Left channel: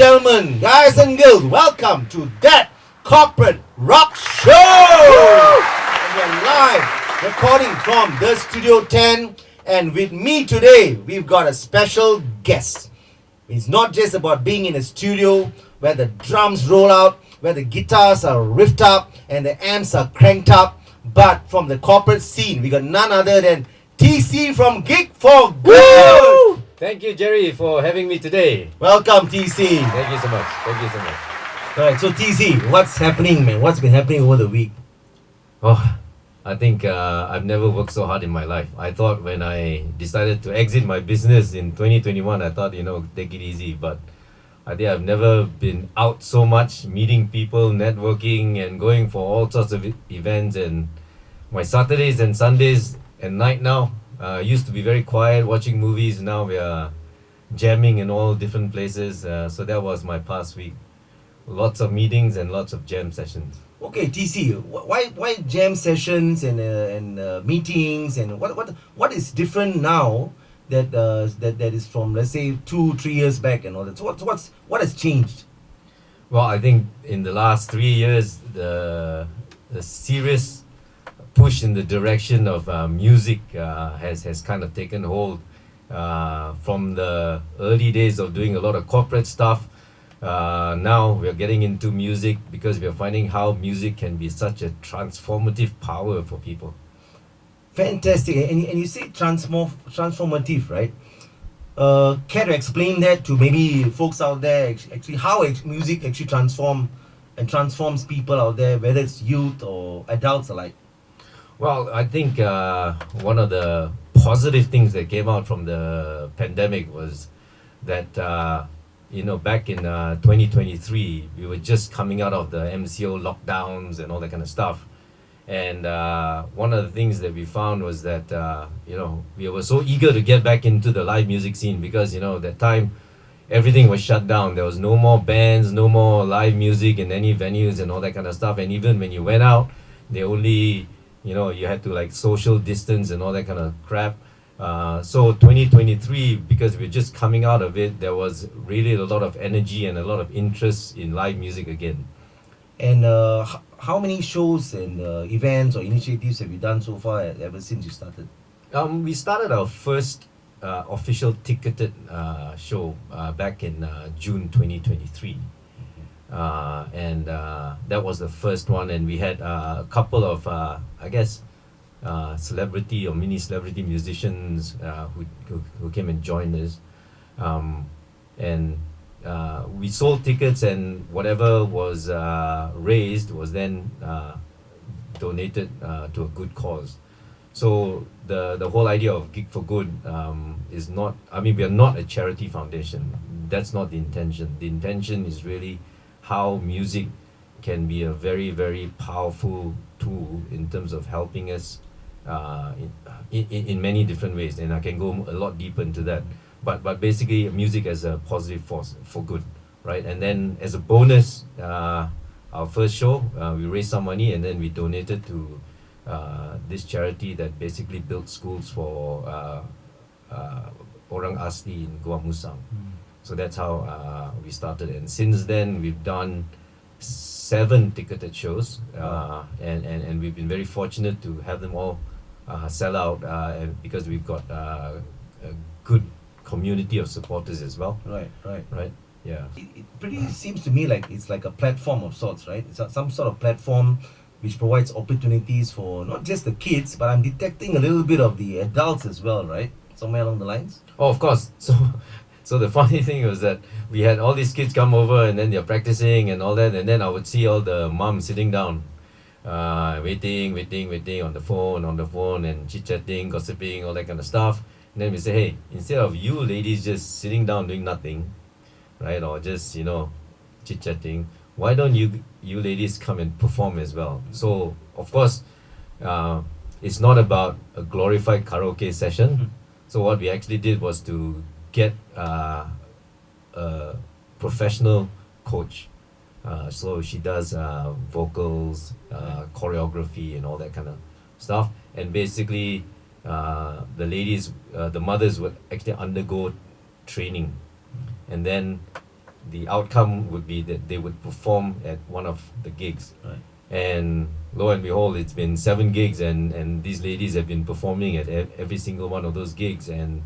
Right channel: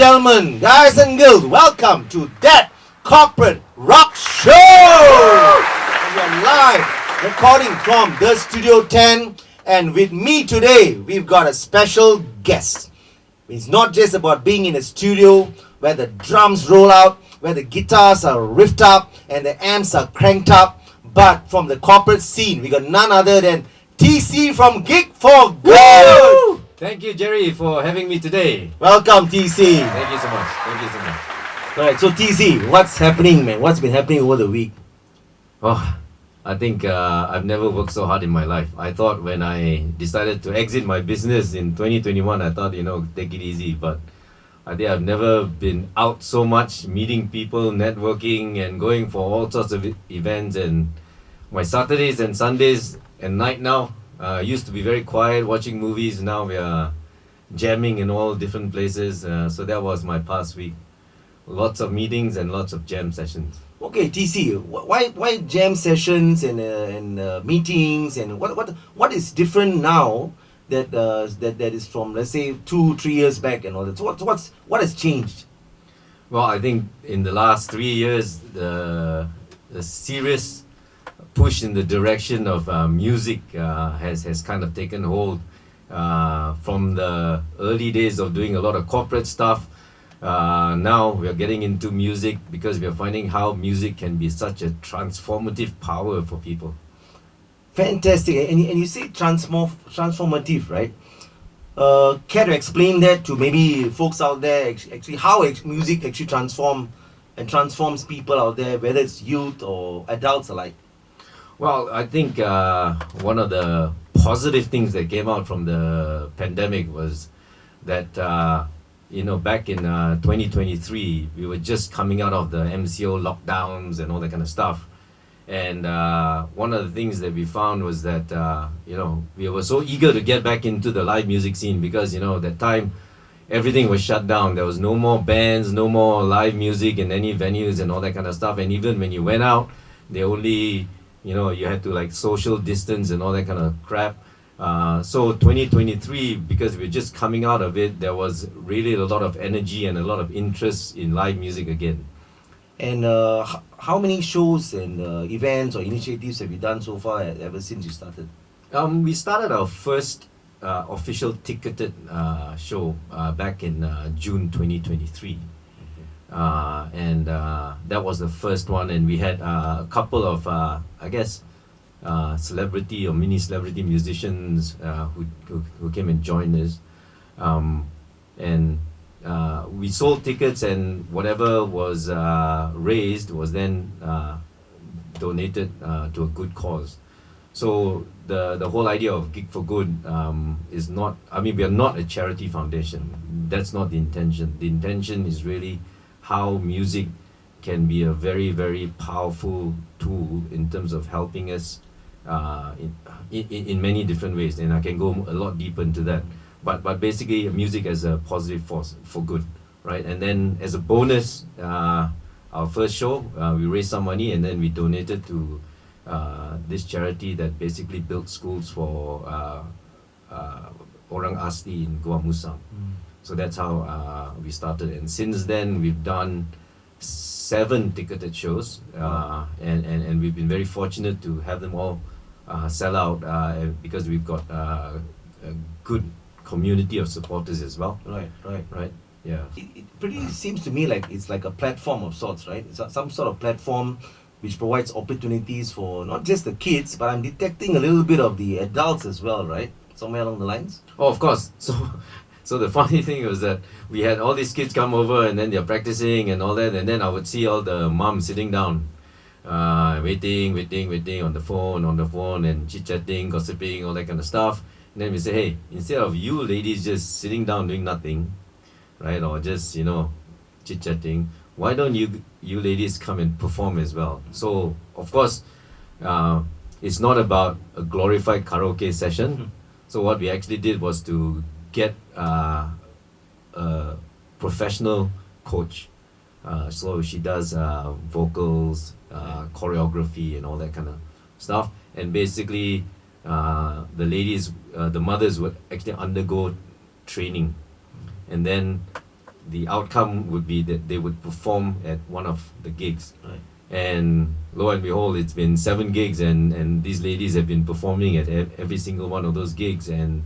gentlemen, guys and girls, welcome to That Corporate Rock Show! And we are live recording from the Studio 10, and with me today, we've got a special guest. It's not just about being in a studio where the drums roll out, where the guitars are riffed up and the amps are cranked up, but from the corporate scene, we got none other than TC from Gig for Good! Woo! Thank you, Gerry, for having me today. Welcome, TC. Thank you so much. Thank you so much. Alright, so TC, what's happening, man? What's been happening over the week? Oh, I think I've never worked so hard in my life. I thought when I decided to exit my business in 2021, I thought, take it easy. But I think I've never been out so much, meeting people, networking, and going for all sorts of events. And my Saturdays and Sundays and night now used to be very quiet, watching movies. Now we are jamming in all different places. So that was my past week. Lots of meetings and lots of jam sessions. Okay, TC, why jam sessions and meetings, and what is different now that is from, let's say, 2-3 years back and all that? So what has changed? Well, I think in the last 3 years, the serious push in the direction of music has kind of taken hold. From the early days of doing a lot of corporate stuff, now we are getting into music because we are finding how music can be such a transformative power for people. Fantastic. And you say transformative, right? Care to explain that to maybe folks out there, actually how music actually transforms people out there, whether it's youth or adults alike? Well, I think one of the positive things that came out from the pandemic was that back in 2023, we were just coming out of the MCO lockdowns and all that kind of stuff. And one of the things that we found was that, we were so eager to get back into the live music scene because, that time everything was shut down. There was no more bands, no more live music in any venues and all that kind of stuff. And even when you went out, they only, you had to like social distance and all that kind of crap. So 2023, because we're just coming out of it, there was really a lot of energy and a lot of interest in live music again. And how many shows and events or initiatives have you done so far ever since you started? We started our first official ticketed show back in June 2023. And that was the first one, and we had a couple of, celebrity or mini celebrity musicians who came and joined us. And we sold tickets, and whatever was raised was then donated to a good cause. So the whole idea of Gig for Good is not, we are not a charity foundation. That's not the intention. The intention is really how music can be a very, very powerful tool in terms of helping us in many different ways. And I can go a lot deeper into that. But basically, music as a positive force for good, right? And then as a bonus, our first show, we raised some money and then we donated to this charity that basically built schools for Orang Asli in Gua Musang. So that's how we started. And since then, we've done 7 ticketed shows, and we've been very fortunate to have them all sell out because we've got a good community of supporters as well. Right. Yeah. It pretty seems to me like it's like a platform of sorts, right? It's some sort of platform which provides opportunities for not just the kids, but I'm detecting a little bit of the adults as well, right? Somewhere along the lines. Oh, of course. So the funny thing was that we had all these kids come over and then they're practicing and all that, and then I would see all the moms sitting down, waiting on the phone and chit-chatting, gossiping, all that kind of stuff. And then we say, hey, instead of you ladies just sitting down doing nothing, right, or just, chit-chatting, why don't you ladies come and perform as well? So, of course, it's not about a glorified karaoke session. So what we actually did was to get a professional coach. So she does vocals, choreography and all that kind of stuff. And basically, the ladies, the mothers would actually undergo training. And then the outcome would be that they would perform at one of the gigs. Right. And lo and behold, it's been 7 gigs, and these ladies have been performing at every single one of those gigs. And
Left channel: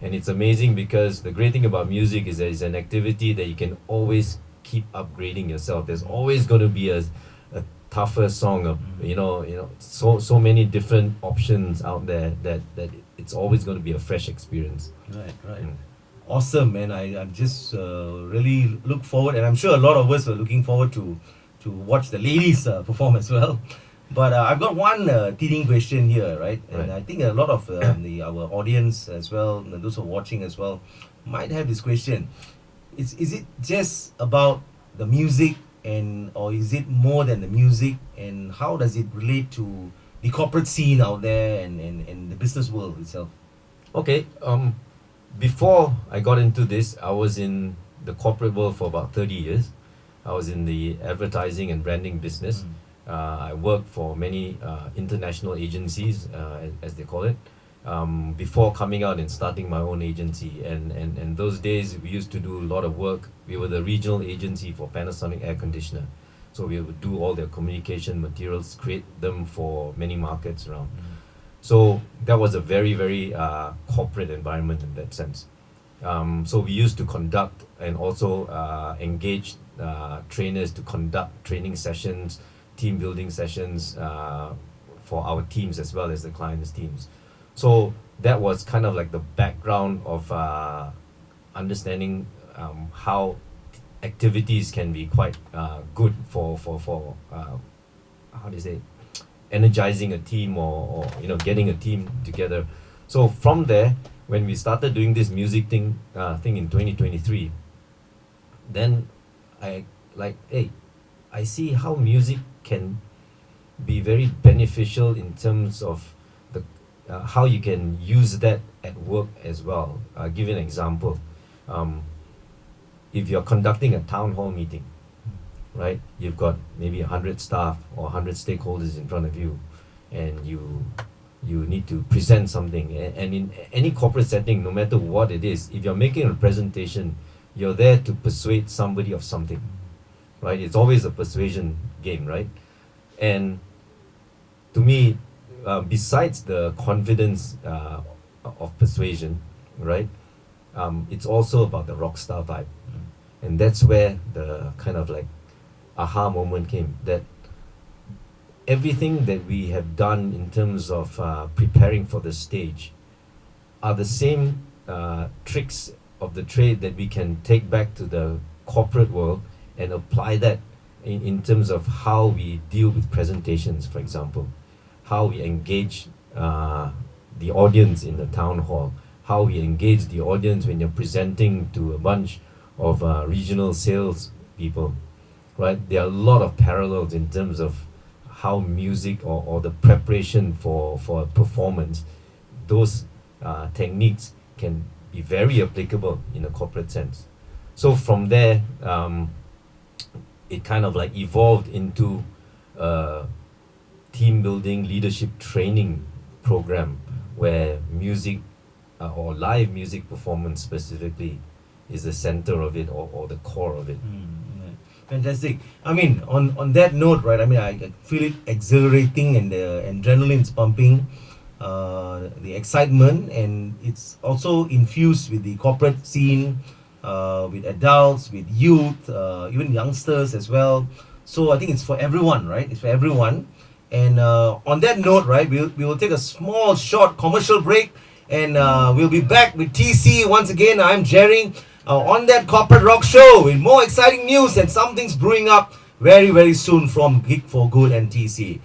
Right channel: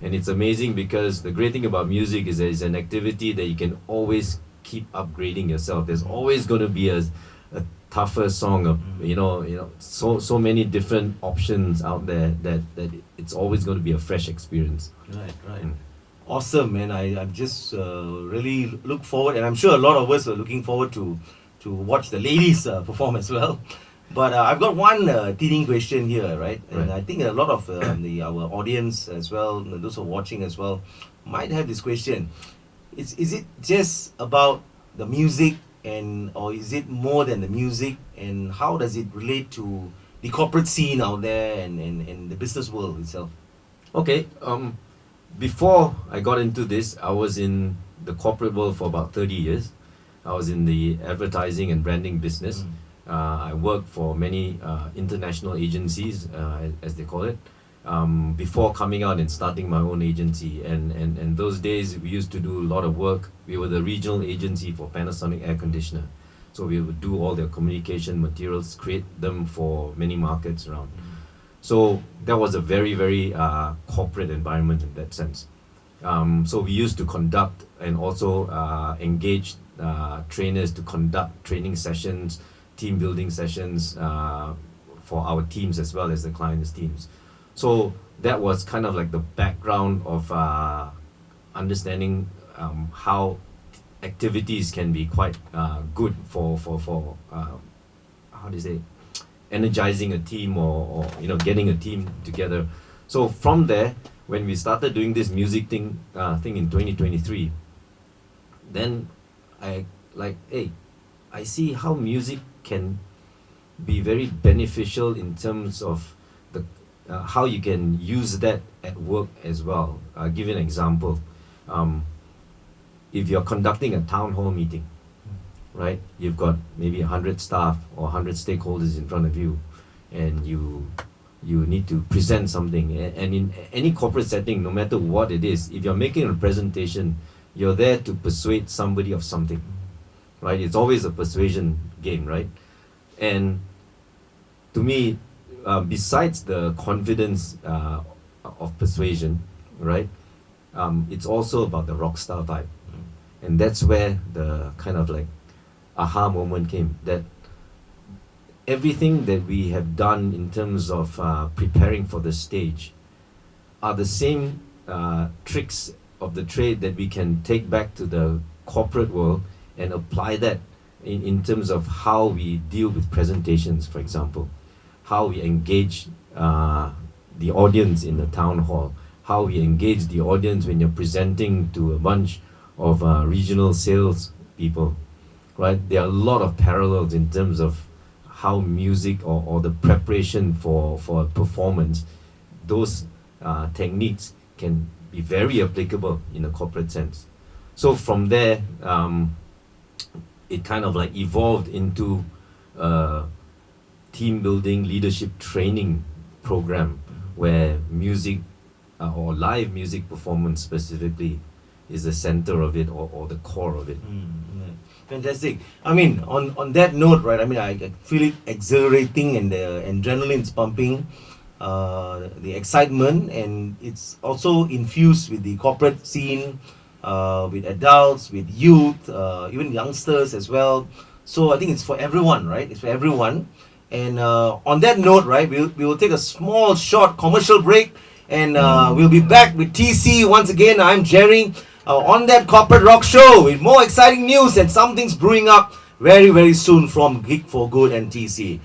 it's amazing, because the great thing about music is that it's an activity that you can always keep upgrading yourself. There's always going to be a tougher song, so many different options out there that it's always going to be a fresh experience. Right. Awesome, man. I just really look forward, and I'm sure a lot of us are looking forward to watch the ladies perform as well. But I've got one teasing question here, right? And I think a lot of our audience as well, those who are watching as well, might have this question. Is it just about the music, or is it more than the music? And how does it relate to the corporate scene out there and the business world itself? Okay. Before I got into this, I was in the corporate world for about 30 years. I was in the advertising and branding business. I worked for many international agencies, as they call it, before coming out and starting my own agency. And those days, we used to do a lot of work. We were the regional agency for Panasonic air conditioner. So we would do all their communication materials, create them for many markets around. So that was a very, very corporate environment in that sense. So we used to conduct and also engage trainers to conduct training sessions, team building sessions for our teams as well as the clients' teams. So that was kind of like the background of understanding how activities can be quite good for how do you say, energizing a team or getting a team together. So from there, when we started doing this music thing in 2023, then I see how music can be very beneficial in terms of the how you can use that at work as well. I'll give you an example. If you're conducting a town hall meeting, right? You've got maybe 100 staff or 100 stakeholders in front of you, and you need to present something. And in any corporate setting, no matter what it is, if you're making a presentation, you're there to persuade somebody of something, right? It's always a persuasion game, right? And to me, besides the confidence of persuasion, right? It's also about the rock star vibe. And that's where the kind of like aha moment came, that everything that we have done in terms of preparing for the stage are the same tricks of the trade that we can take back to the corporate world and apply that in terms of how we deal with presentations, for example, how we engage the audience in the town hall, how we engage the audience when you're presenting to a bunch of regional sales people, right? There are a lot of parallels in terms of how music or the preparation for a performance, those techniques can be very applicable in a corporate sense. So from there, it kind of like evolved into a team building leadership training program where music or live music performance specifically is the center of it or the core of it. Fantastic. I mean, on that note, right, I mean, I feel it exhilarating and the adrenaline's pumping, the excitement, and it's also infused with the corporate scene, with adults, with youth, even youngsters as well. So I think it's for everyone, right? It's for everyone. And on that note, right, we will take a small, short commercial break, and we'll be back with TC once again. I'm Gerry. On that Corporate Rock Show with more exciting news and something's brewing up very, very soon from Gig for Good and TC.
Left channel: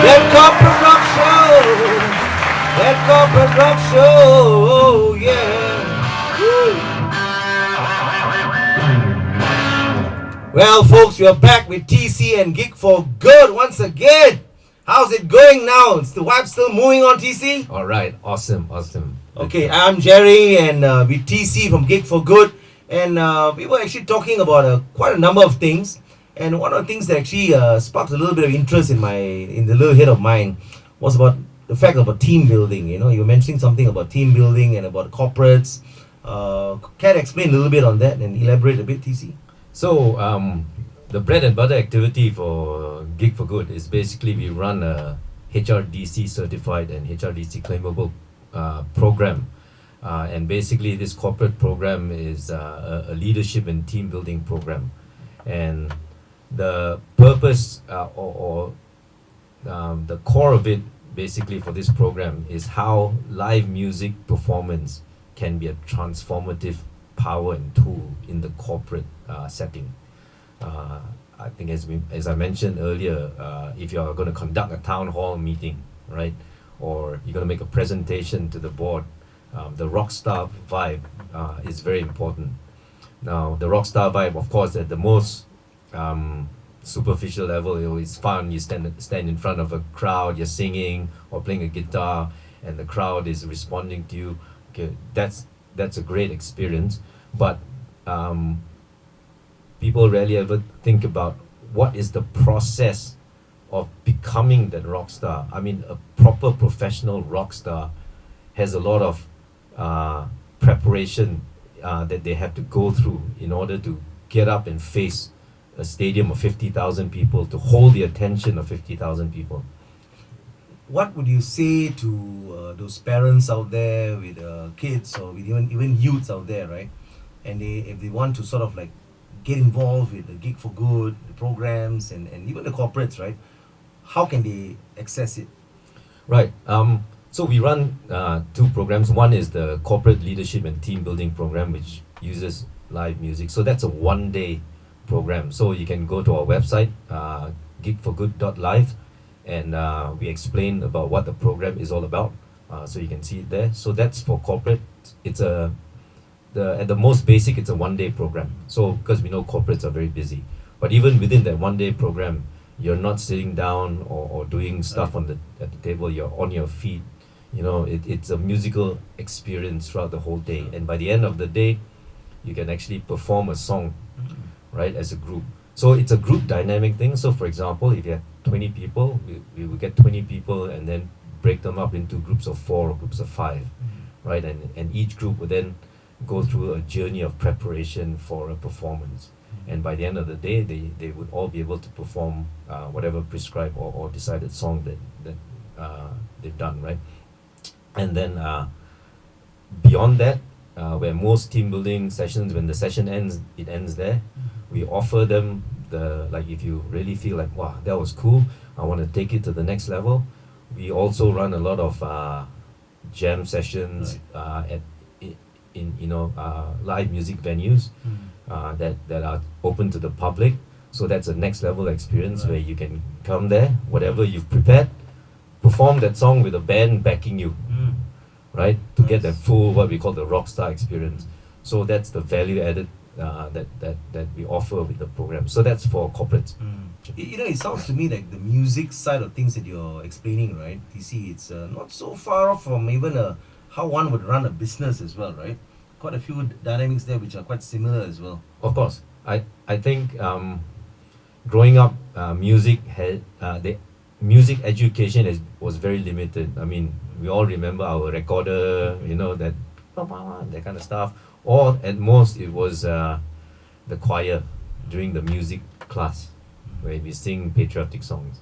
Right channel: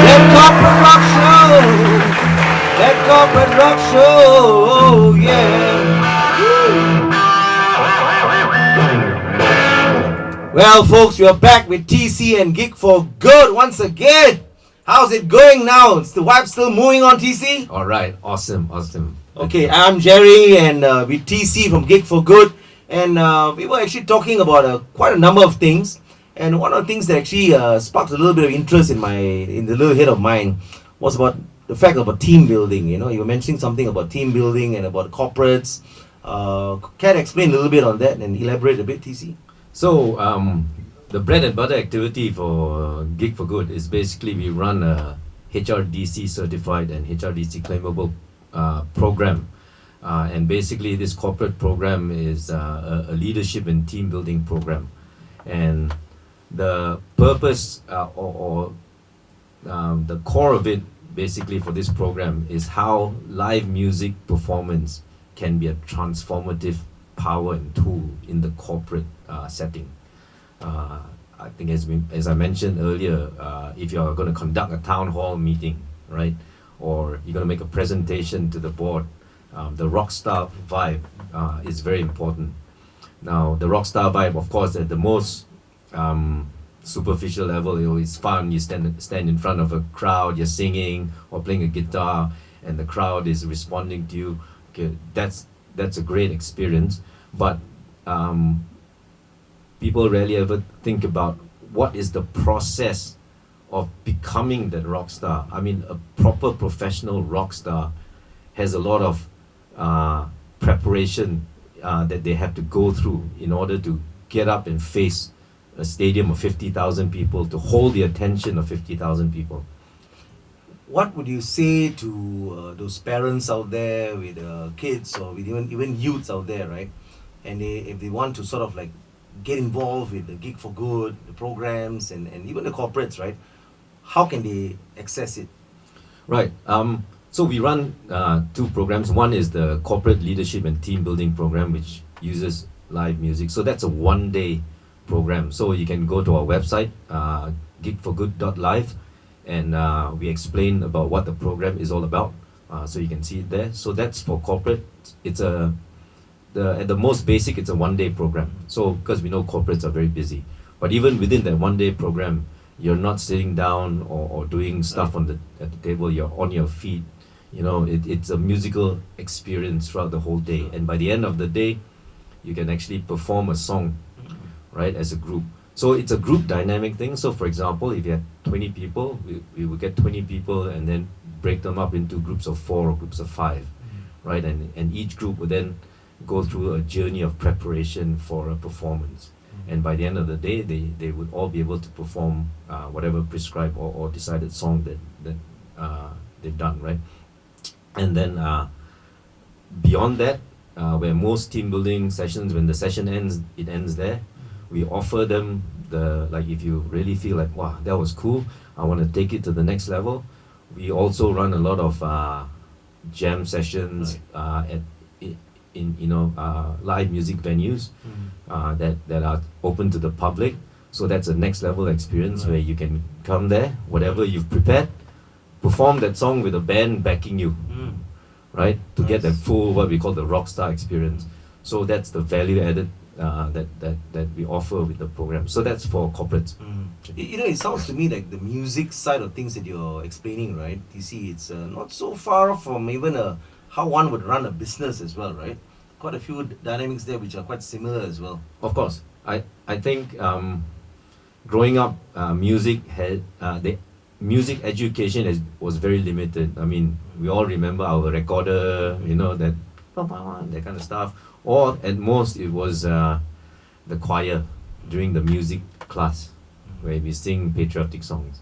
That Corporate Rock Show, that Corporate Rock Show, yeah. Well, folks, we are back with TC and Gig for Good once again. How's it going now? Is the vibe still moving on, TC? All right, awesome. Okay, I'm Gerry, and with TC from Gig for Good, and we were actually talking about quite a number of things. And one of the things that actually sparked a little bit of interest in the little head of mine was about the fact about team building. You know, you were mentioning something about team building and about corporates. Can you explain a little bit on that and elaborate a bit, TC? So the bread and butter activity for Gig for Good is basically we run a HRDC certified and HRDC claimable program. And basically this corporate program is a leadership and team building program. And the purpose or the core of it basically for this program is how live music performance can be a transformative power and tool in the corporate setting. I think as I mentioned earlier, if you're going to conduct a town hall meeting, right, or you're going to make a presentation to the board, the rock star vibe is very important. Now, the rock star vibe, of course, at the most superficial level, it's fun. You stand in front of a crowd, you're singing or playing a guitar, and the crowd is responding to you. Okay, that's a great experience. But people rarely ever think about what is the process of becoming that rock star. I mean, a proper professional rock star has a lot of preparation that they have to go through in order to get up and face a stadium of 50,000 people, to hold the attention of 50,000 people. What would you say to those parents out there with kids or with even youths out there, right? And if they want to sort of like get involved with the Gig for Good, the programs, and even the corporates, right? How can they access it? Right. So we run two programs. One is the Corporate Leadership and Team Building Program, which uses live music. So that's a one-day program. So you can go to our website, gigforgood.live, and we explain about what the program is all about. So you can see it there. So that's for corporate. It's at the most basic, it's a one-day program. So because we know corporates are very busy, but even within that one-day program, you're not sitting down or doing stuff at the table. You're on your feet. You know, it's a musical experience throughout the whole day. And by the end of the day, you can actually perform a song, right, as a group. So it's a group dynamic thing. So for example, if you have 20 people, we will get 20 people and then break them up into groups of 4 or groups of 5, right? And each group would then go through a journey of preparation for a performance. And by the end of the day, they would all be able to perform whatever prescribed or decided song that they've done, right? And then beyond that, where most team building sessions, when the session ends, it ends there. We offer them if you really feel like, wow, that was cool, I want to take it to the next level. We also run a lot of jam sessions in live music venues that are open to the public. So that's a next level experience where you can come there, whatever you've prepared, perform that song with a band backing you, right? To get that full, what we call the rock star experience. So that's the value added that we offer with the program. So that's for corporates. It sounds to me like the music side of things that you're explaining, right? You see, it's not so far off from even how one would run a business as well, right? Quite a few dynamics there which are quite similar as well. Of course. I think growing up, music the music education was very limited. I mean, we all remember our recorder, that kind of stuff. Or at most, it was the choir during the music class where we sing patriotic songs,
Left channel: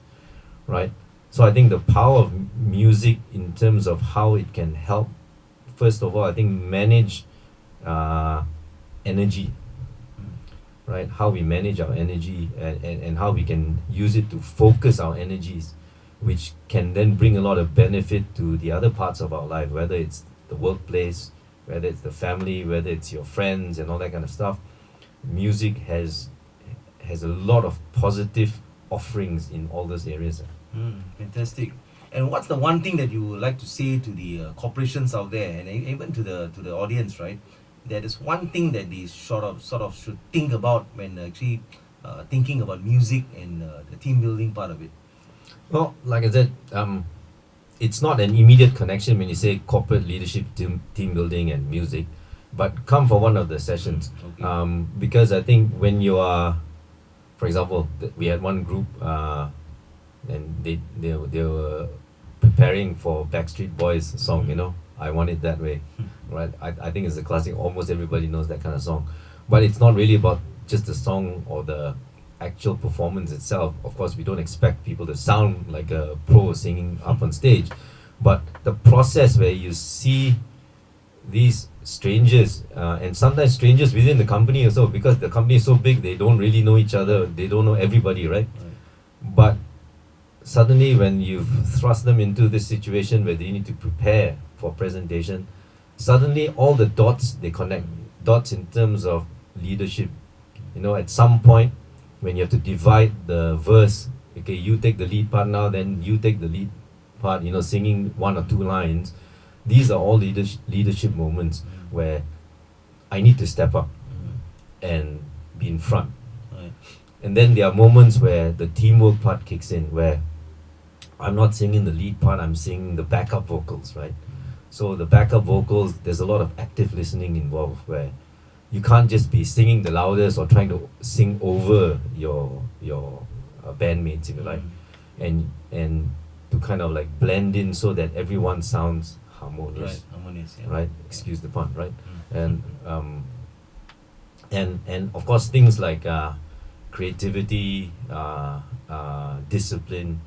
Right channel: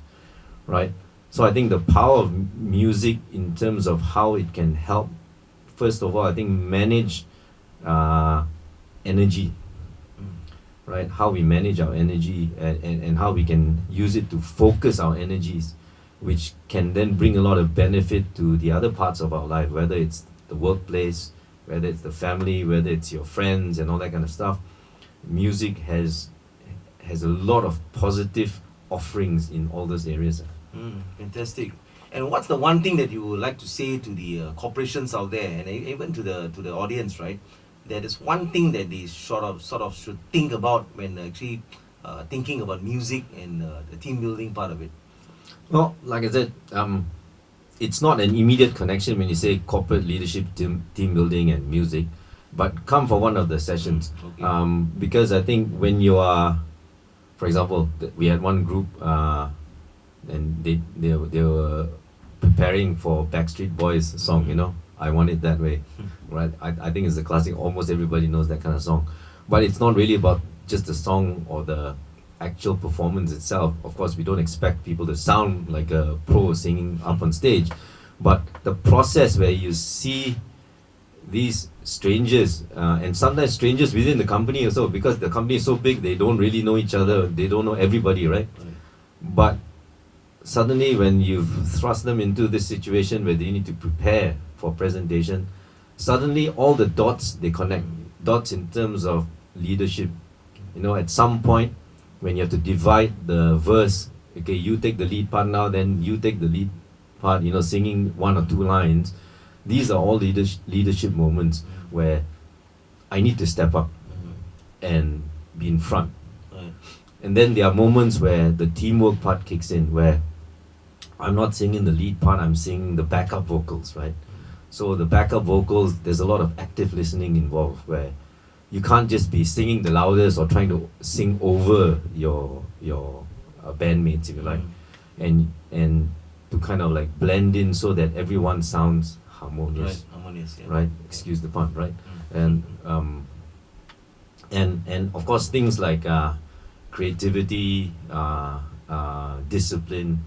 right? So I think the power of music in terms of how it can help, first of all, I think manage energy, right? How we manage our energy and how we can use it to focus our energies, which can then bring a lot of benefit to the other parts of our life, whether it's the workplace, whether it's the family, whether it's your friends and all that kind of stuff. Music has a lot of positive offerings in all those areas. Fantastic. And what's the one thing that you would like to say to the corporations out there, and even to the audience, right? That is one thing that they sort of should think about when actually thinking about music and the team building part of it. Well, like I said, it's not an immediate connection when you say corporate leadership, team building and music, but come for one of the sessions. Because I think when you are, for example, we had one group and they were preparing for Backstreet Boys song, you know, I Want It That Way, right? I think it's a classic. Almost everybody knows that kind of song, but it's not really about just the song or the actual performance itself. Of course, we don't expect people to sound like a pro singing up on stage, but the process where you see these strangers, and sometimes strangers within the company also, because the company is so big, they don't really know each other, they don't know everybody, right? But suddenly when you've thrust them into this situation where they need to prepare for presentation, suddenly all the dots, they connect. Dots in terms of leadership. You know, at some point when you have to divide the verse, okay, you take the lead part now, then you take the lead part, you know, singing one or two lines. These are all leadership moments where I need to step up and be in front. And then there are moments where the teamwork part kicks in, where I'm not singing the lead part, I'm singing the backup vocals, right? So the backup vocals, there's a lot of active listening involved, where you can't just be singing the loudest or trying to sing over your bandmates, if you like, and to kind of like blend in so that everyone sounds harmonious, right? Excuse the pun, right? And of course things like creativity, discipline,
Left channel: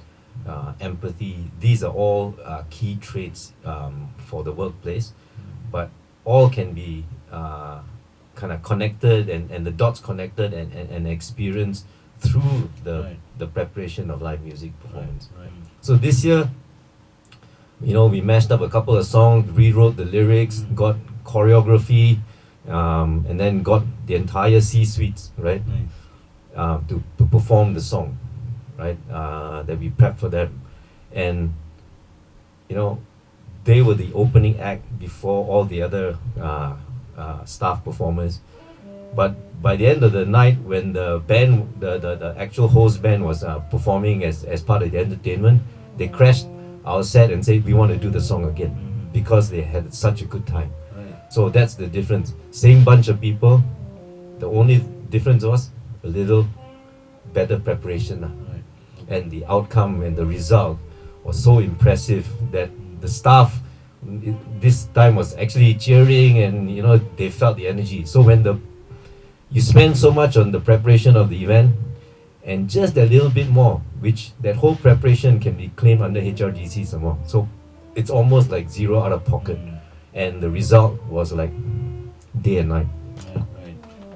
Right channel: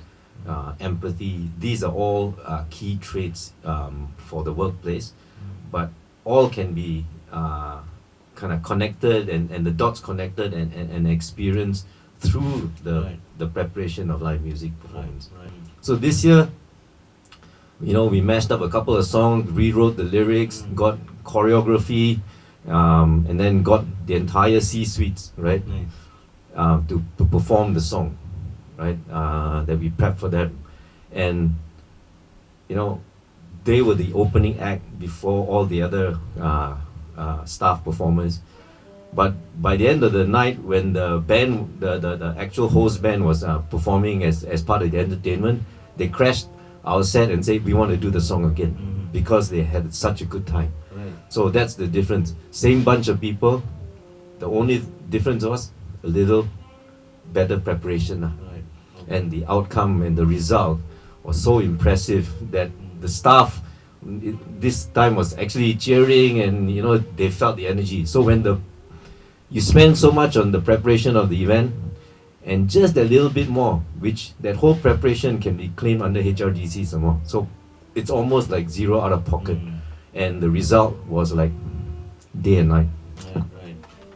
empathy. These are all key traits for the workplace, but all can be kind of connected and the dots connected and experienced through the preparation of live music performance. So this year, you know, we mashed up a couple of songs, rewrote the lyrics, got choreography, and then got the entire C-suites, right, to perform the song, right, that we prepped for them. And, you know, they were the opening act before all the other staff performers. But by the end of the night, when the band, the actual host band was performing as part of the entertainment, they crashed our set and said, we want to do the song again, because they had such a good time. So that's the difference. Same bunch of people, the only difference was a little better preparation. And the outcome and the result was so impressive that the staff this time was actually cheering, and you know, they felt the energy. So when you spend so much on the preparation of the event, and just a little bit more, which that whole preparation can be claimed under HRDC some more. So it's almost like zero out of pocket, and the result was like day and night.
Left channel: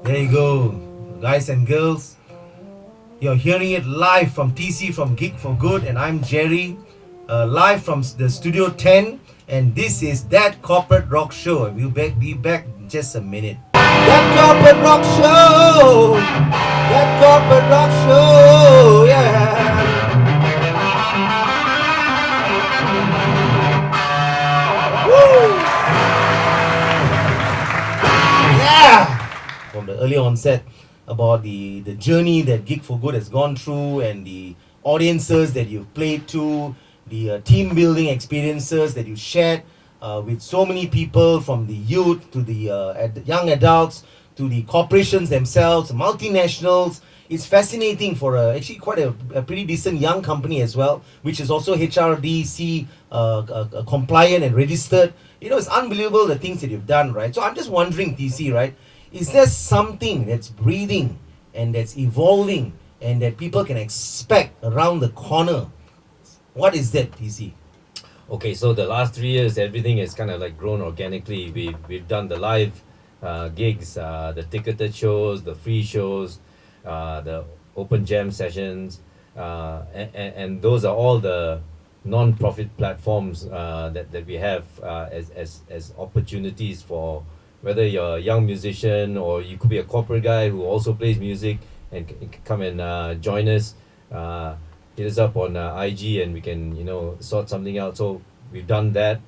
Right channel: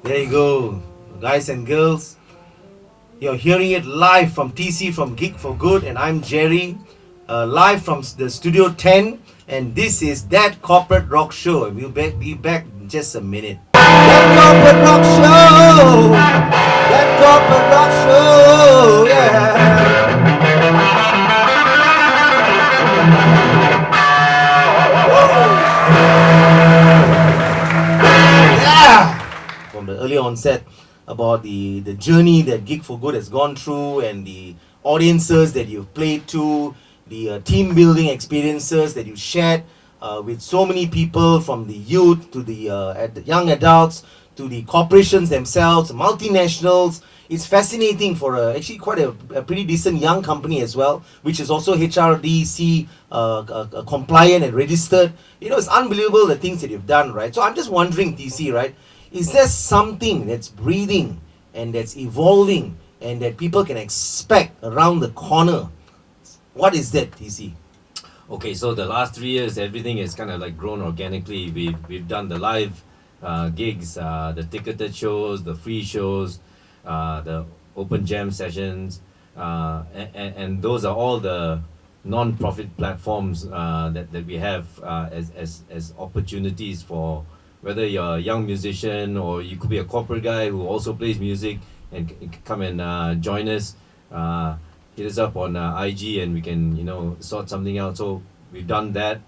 There you go, guys and girls. You're hearing it live from TC, from Gig for Good, and I'm Gerry, live from the Studio 10, and this is That Corporate Rock Show. We'll be back in just a minute. That Corporate Rock Show! That Corporate Rock Show! Yeah! Woo! Yeah! From the earlier onset, about the journey that Gig for Good has gone through, and the audiences that you've played to, the team building experiences that you shared with so many people, from the youth to the young adults to the corporations themselves, multinationals. It's fascinating for actually quite a pretty decent young company as well, which is also HRDC compliant and registered. You know, it's unbelievable the things that you've done, right? So I'm just wondering, TC, right? Is there something that's breathing and that's evolving and that people can expect around the corner? What is that, TC? Okay, so the last 3 years, everything has kind of like grown organically. We've done the live gigs, the ticketed shows, the free shows, the open jam sessions, and those are all the non-profit platforms that we have as opportunities for whether you're a young musician or you could be a corporate guy who also plays music and come and join us. Hit us up on IG and we can, you know, sort something out. So we've done that.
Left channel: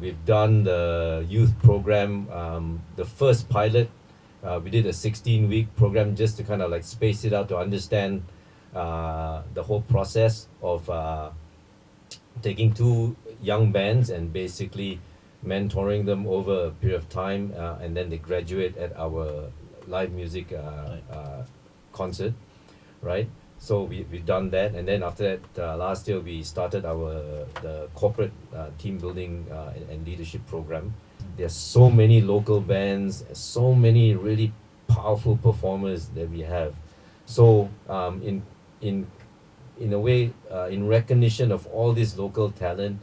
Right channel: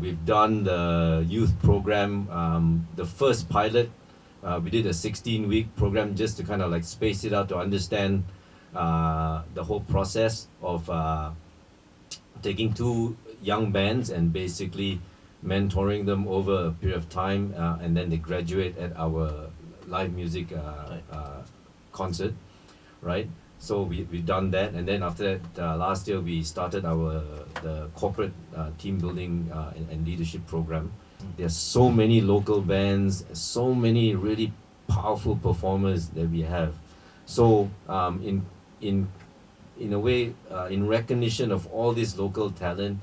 We've done the youth program, the first pilot. We did a 16-week program just to kind of like space it out to understand the whole process of taking two young bands and basically mentoring them over a period of time, and then they graduate at our live music concert, right? So we've done that, and then after that, last year we started the corporate team building and leadership program. There's so many local bands, so many really powerful performers that we have. So in in a way, in recognition of all this local talent,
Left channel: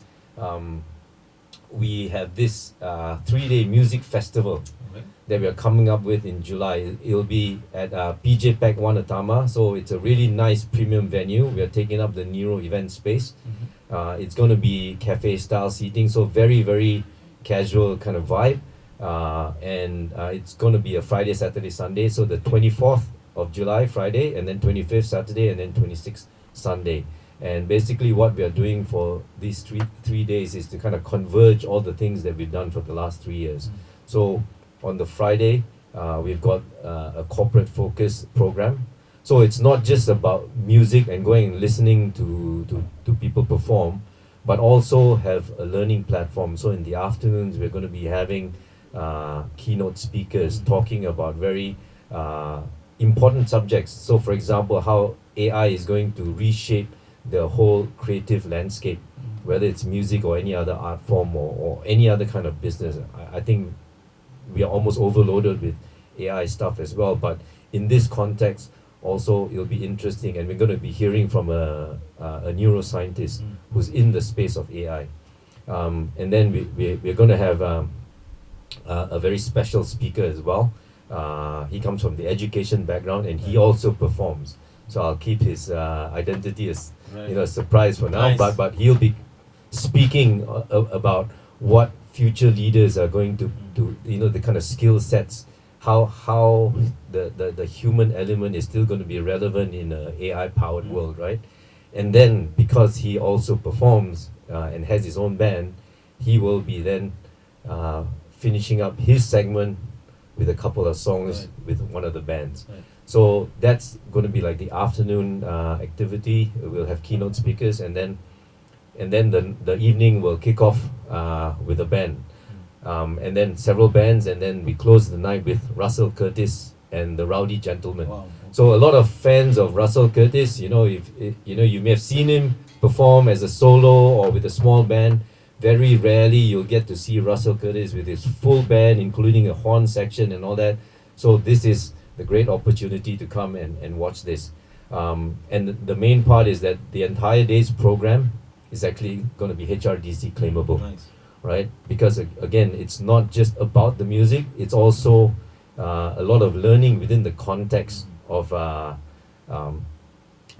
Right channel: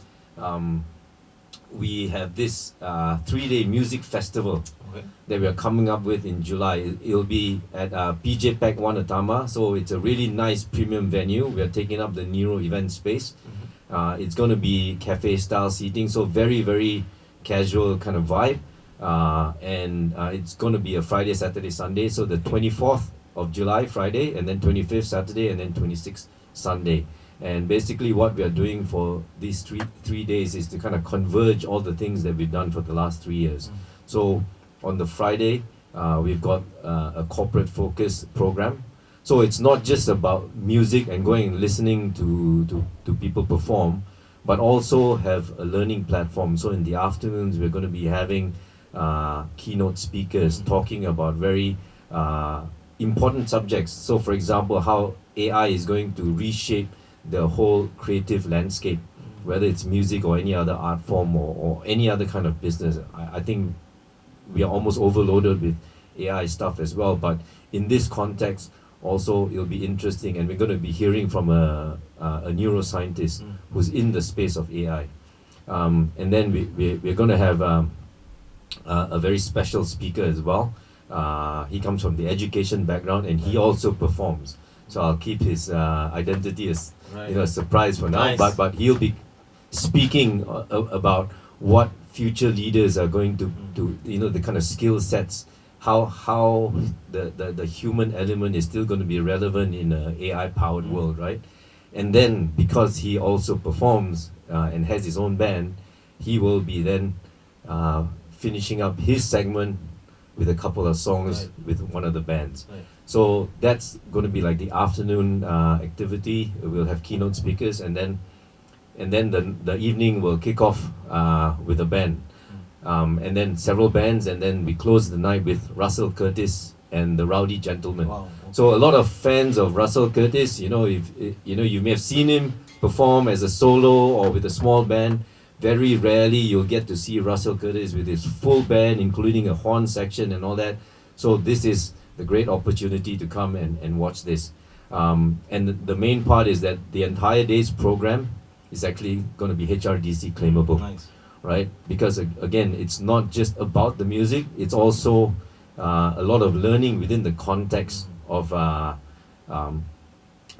we have this 3-day music festival that we are coming up with in July. It'll be at PJ Pack One Atama, so it's a really nice premium venue. We are taking up the Nero event space. It's going to be cafe style seating, so very, very casual kind of vibe. And it's going to be a Friday, Saturday, Sunday. So the 24th of July, Friday, and then 25th, Saturday, and then 26th, Sunday. And basically what we are doing for these three days is to kind of converge all the things that we've done for the last 3 years. So on the Friday, we've got a corporate focus program. So it's not just about music and going and listening to people perform, but also have a learning platform. So in the afternoons, we're going to be having keynote speakers talking about very important subjects. So for example, how AI is going to reshape the whole creative landscape, whether it's music or any other art form or any other kind of business. I think we are almost overloaded with AI stuff as well, but in this context also it'll be interesting, and we're going to be hearing from a neuroscientist who's in the space of AI. And then we're going to have a very special speaker as well. He comes from the education background and he also performs. So I'll keep his identity as a surprise for now. Nice. But he'll be speaking about what future leaders are going to do. The kind of skill sets, how the human element is still going to be relevant in an AI powered world, right? And then because he also performs and has his own band, he will be then finishing up his segment with a couple of songs with one of the bands. So that's going to be like the afternoon activity. We'll have keynote speakers, and then the evening will kick off with a band, and then several bands, and then we close the night with Russell Curtis and the Rowdy Gentlemen. Wow. So a lot of fans of Russell Curtis, if you may have seen him perform as a solo or with a small band. Very rarely you'll get to see Russell Curtis with his full band, including a horn section and all that. So this is the great opportunity to come and watch this. And the main part is that the entire day's program is actually going to be HRDC claimable, right? Because again, it's not just about the music, it's also a lot of learning within the context of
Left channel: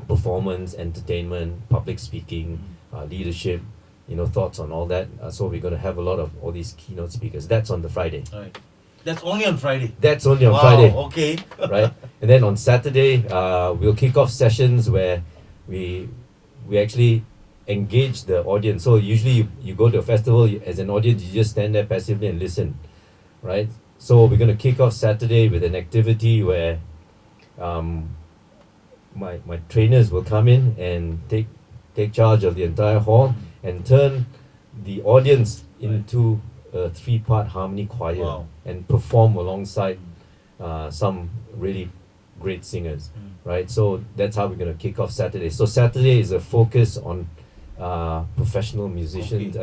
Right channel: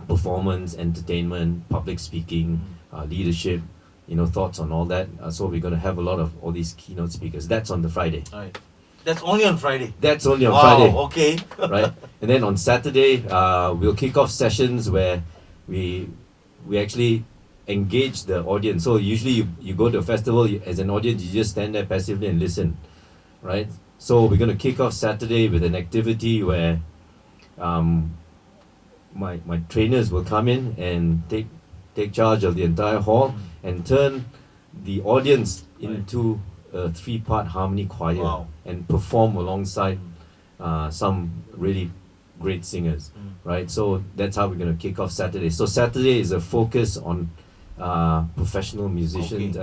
performance, entertainment, public speaking, leadership, thoughts on all that. So we're going to have a lot of all these keynote speakers. That's on the Friday. Right. That's only on Friday. That's only on Friday. Okay. Right. And then on Saturday, we'll kick off sessions where we actually engage the audience. So usually you go to a festival, as an audience, you just stand there passively and listen, right? So we're going to kick off Saturday with an activity where my trainers will come in and take charge of the entire hall and turn the audience into a 3-part harmony choir and perform alongside some really great singers, right? So that's how we're going to kick off Saturday. So Saturday is a focus on professional musicians.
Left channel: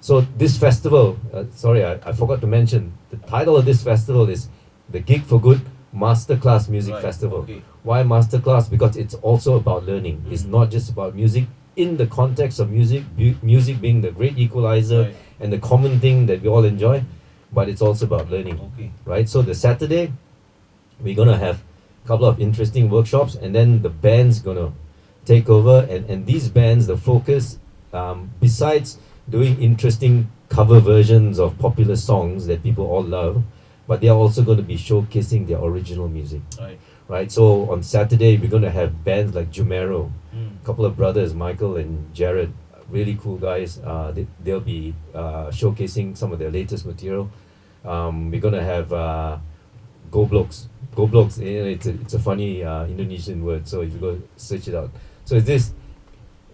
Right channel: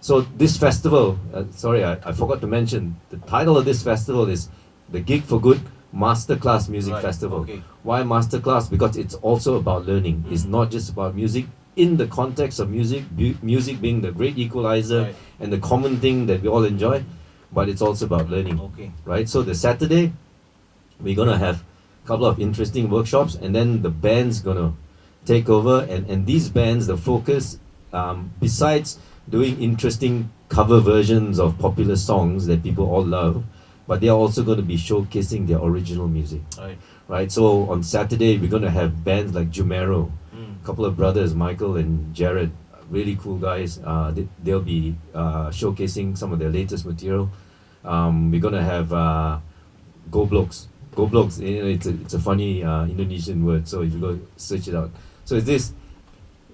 So this festival, sorry, I forgot to mention, the title of this festival is the Gig for Good Masterclass Music Festival. Why Masterclass? Because it's also about learning. It's not just about music. In the context of music, music being the great equalizer and the common thing that we all enjoy, but it's also about learning, right? So the Saturday, we're going to have a couple of interesting workshops, and then the band's going to take over, and these bands, the focus, besides doing interesting cover versions of popular songs that people all love, but they're also going to be showcasing their original music, right? So on Saturday, we're going to have bands like Jumero, a couple of brothers, Michael and Gerard, really cool guys. They'll be showcasing some of their latest material. We're going to have Go Blokes. Go Blokes, it's a funny Indonesian word, so if you go search it out. So it's this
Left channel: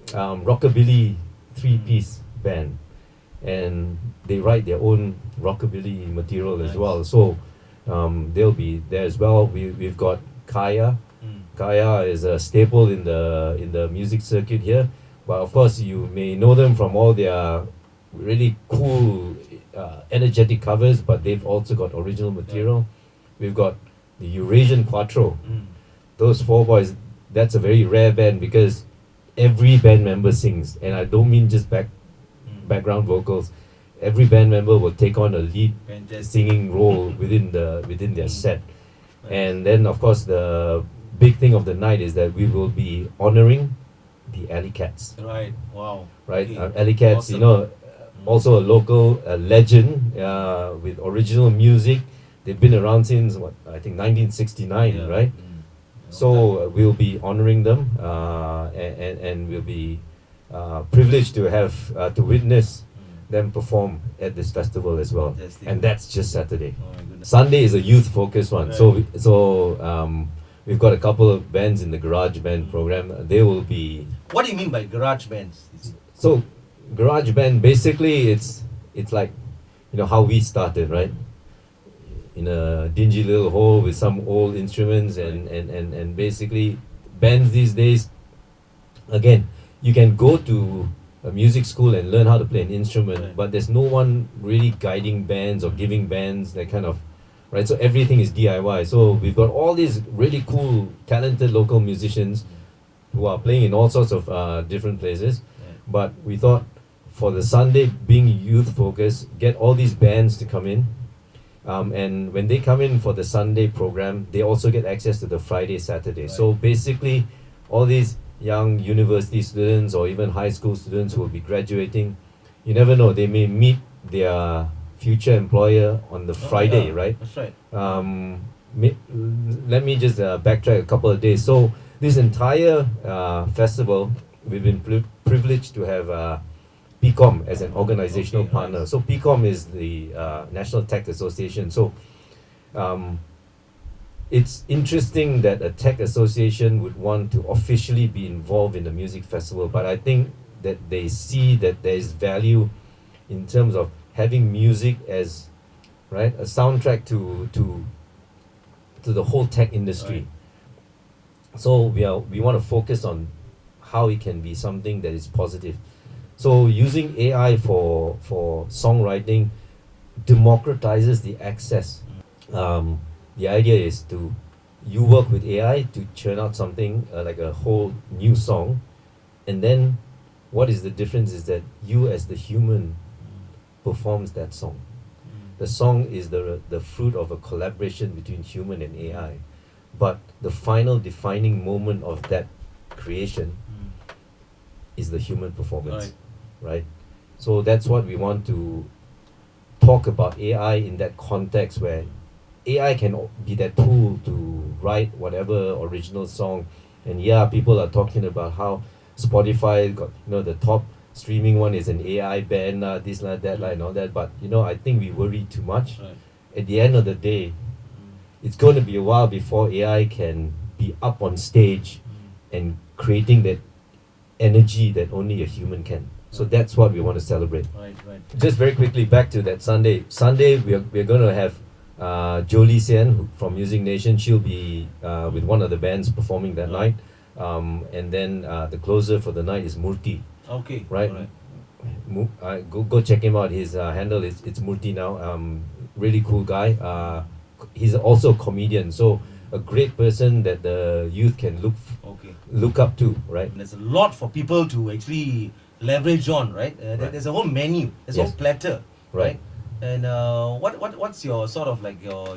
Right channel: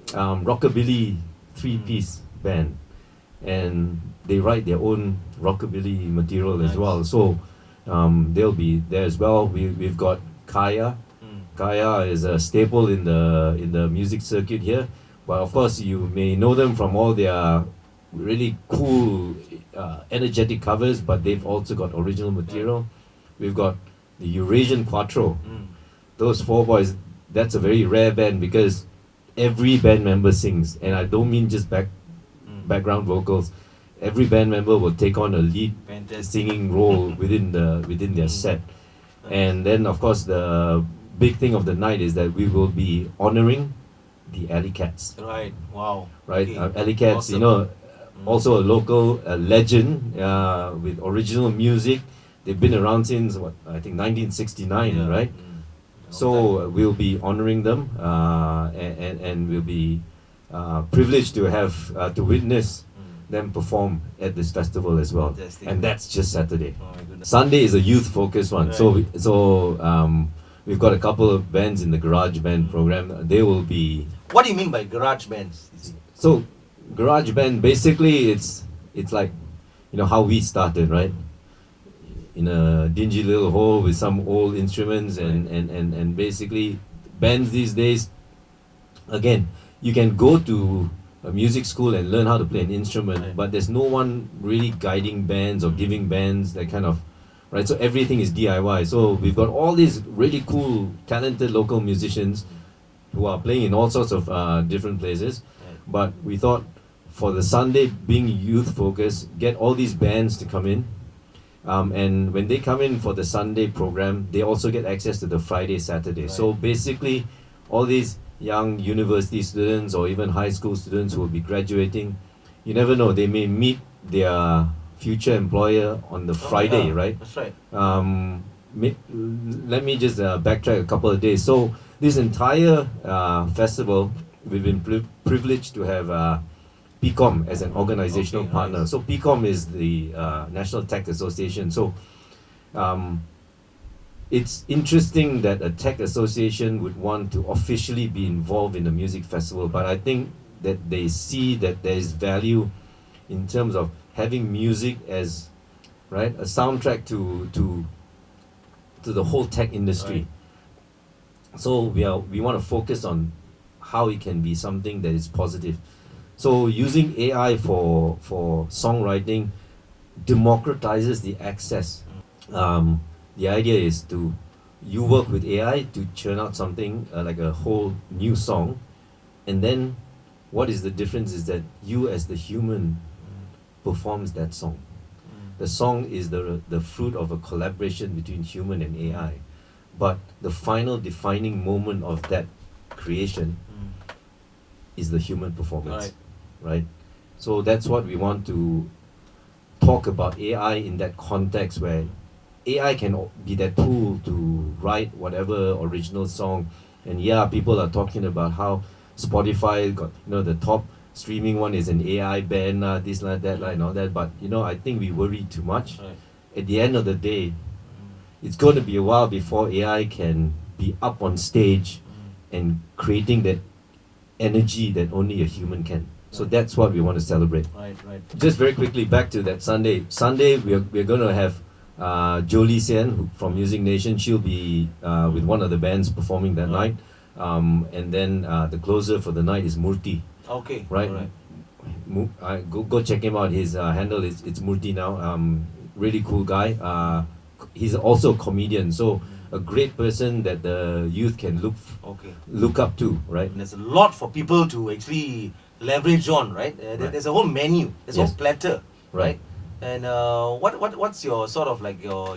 rockabilly 3-piece band, and they write their own rockabilly material as well. So they'll be there as well. We've got Kaya, Kaya is a staple in the music circuit here. But of course, you may know them from all their really cool, energetic covers. But they've also got original material. We've got the Eurasian Quattro. Those four boys. That's a very rare band because every band member sings, and I don't mean just background vocals. Every band member will take on a lead singing role within their set. And then of course the big thing of the night is that we will be honoring the Alley Cats. Right. Wow. Right, Okay. Alley Cats, Awesome. also a local legend with original music. They've been around since I think 1969, Yeah. right? So we'll be honoring them, and we'll be privileged to have to witness them perform at this festival as well. Fantastic. And that's just Saturday. Oh my goodness. Sunday is a youth-focused one. Right. We've got a couple of bands in the garage band program. They will be What do you mean by garage bands? so garage band. Basically, it's like how we started, right? In a dingy little hole with some old instruments and basically bands these days. Again, you can go to a music school and learn how to play an instrument, Right. but there's no one really guiding bands or giving bands that kind of right. So everything is DIY. So we've got all these really cool, talented local musicians who are playing in all sorts of different places. But we thought for the Sunday being youth focused, get all these bands to come in. And when they come in for the Sunday program, they also get access to the Friday, Saturday. Right. So basically, all these young university students or even high school students who will be graduating, you never know, they may meet their future employer on the Friday, yeah, right? That's right. Let me just backtrack a couple of days. So this entire festival, we've been privileged to have PIKOM as an organizational Okay, partner. nice. So PIKOM is the National Tech Association. So it's interesting that a tech association would want to officially be involved in the music festival, but I think that they see that there is value in terms of having music as a soundtrack to the whole tech industry. Right. So we want to focus on how it can be something that is positive. So using AI for songwriting democratizes the access. The idea is you work with AI to churn out something like a whole new song, and then what is the difference is that you as the human performs that song. The song is the fruit of a collaboration between human and AI, but the final defining moment of that creation is the human performance, right? So that's what we want to talk about AI in that context where AI can be that tool to write whatever original song. And people are talking about how Spotify got the top streaming one is an AI band, this like that and all that. But I think we worry too much. Right. At the end of the day, it's going to be a while before AI can be up on stage and creating that energy that only a human can. So that's what we want to celebrate. Right. Just very quickly back to that Sunday. Sunday we're going to have Jolie Sian from Music Nation. She'll be with one of the bands performing that night. And then the closer for the night is Murti. Okay. Right. Alright. Go check him out. His handle is it's Murti now. Really cool guy. He's also a comedian. So a great person that the youth can look up to, right? And there's a lot for people to actually leverage on, right? There's a whole menu, there's a whole platter, right? And what's your sort of like your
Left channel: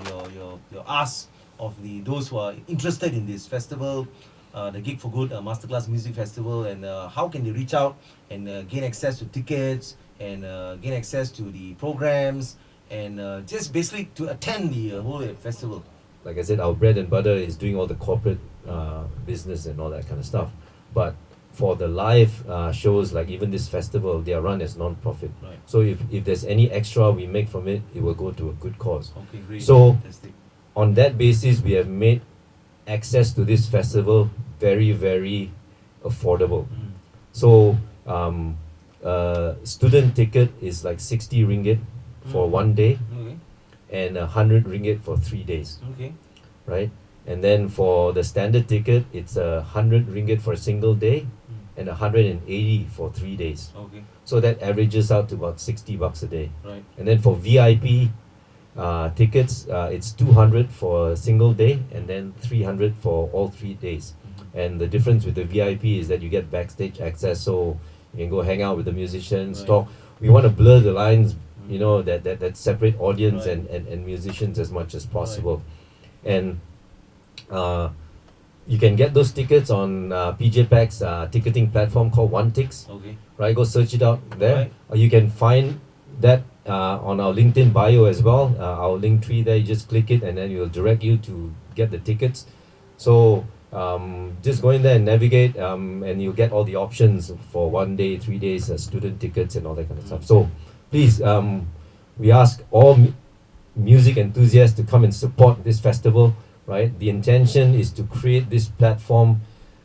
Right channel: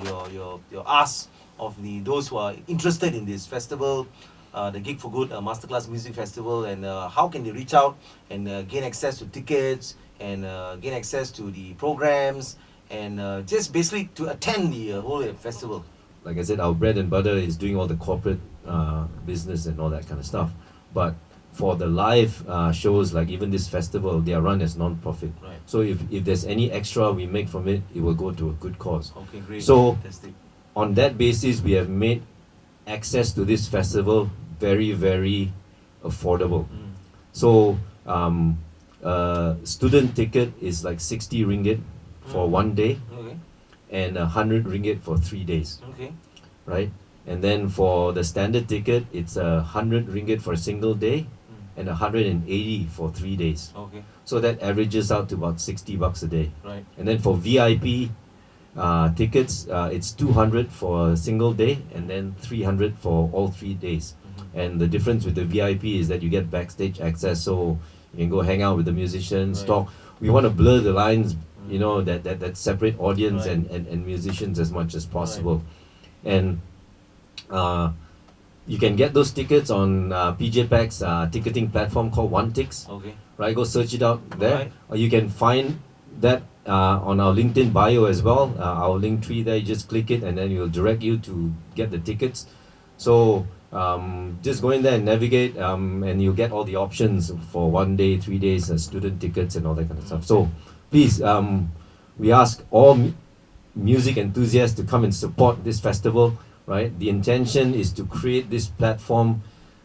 ask of those who are interested in this festival, the Gig for Good Masterclass Music Festival, and how can they reach out and gain access to tickets and gain access to the programs and just basically to attend the whole festival? Like I said, our bread and butter is doing all the corporate business and all that kind of stuff. But for the live shows, like even this festival, they are run as non-profit. Right. So if there's any extra we make from it, it will go to a good cause. Okay, great. So Fantastic. on that basis, we have made access to this festival very, very affordable. So student ticket is like 60 ringgit for 1 day Okay. and 100 ringgit for 3 days, Okay. right? And then for the standard ticket, it's 100 ringgit for a single day and 180 for 3 days. Okay. So that averages out to about 60 bucks a day. Right. And then for VIP tickets, it's 200 for a single day and then 300 for all 3 days. And the difference with the VIP is that you get backstage access, so you can go hang out with the musicians, talk. We want to blur the lines, you know, that separate audience and musicians as much as possible. And you can get those tickets on PJ Pack's ticketing platform called OneTix. Okay. Right, go search it out there. Right. Or you can find that on our LinkedIn bio as well. Our link tree there, you just click it and then it will direct you to get the tickets. So just go in there and navigate, and you'll get all the options for 1 day, 3 days, student tickets and all that kind of stuff. So please, we ask all music enthusiasts to come and support this festival. Right, the intention is to create this platform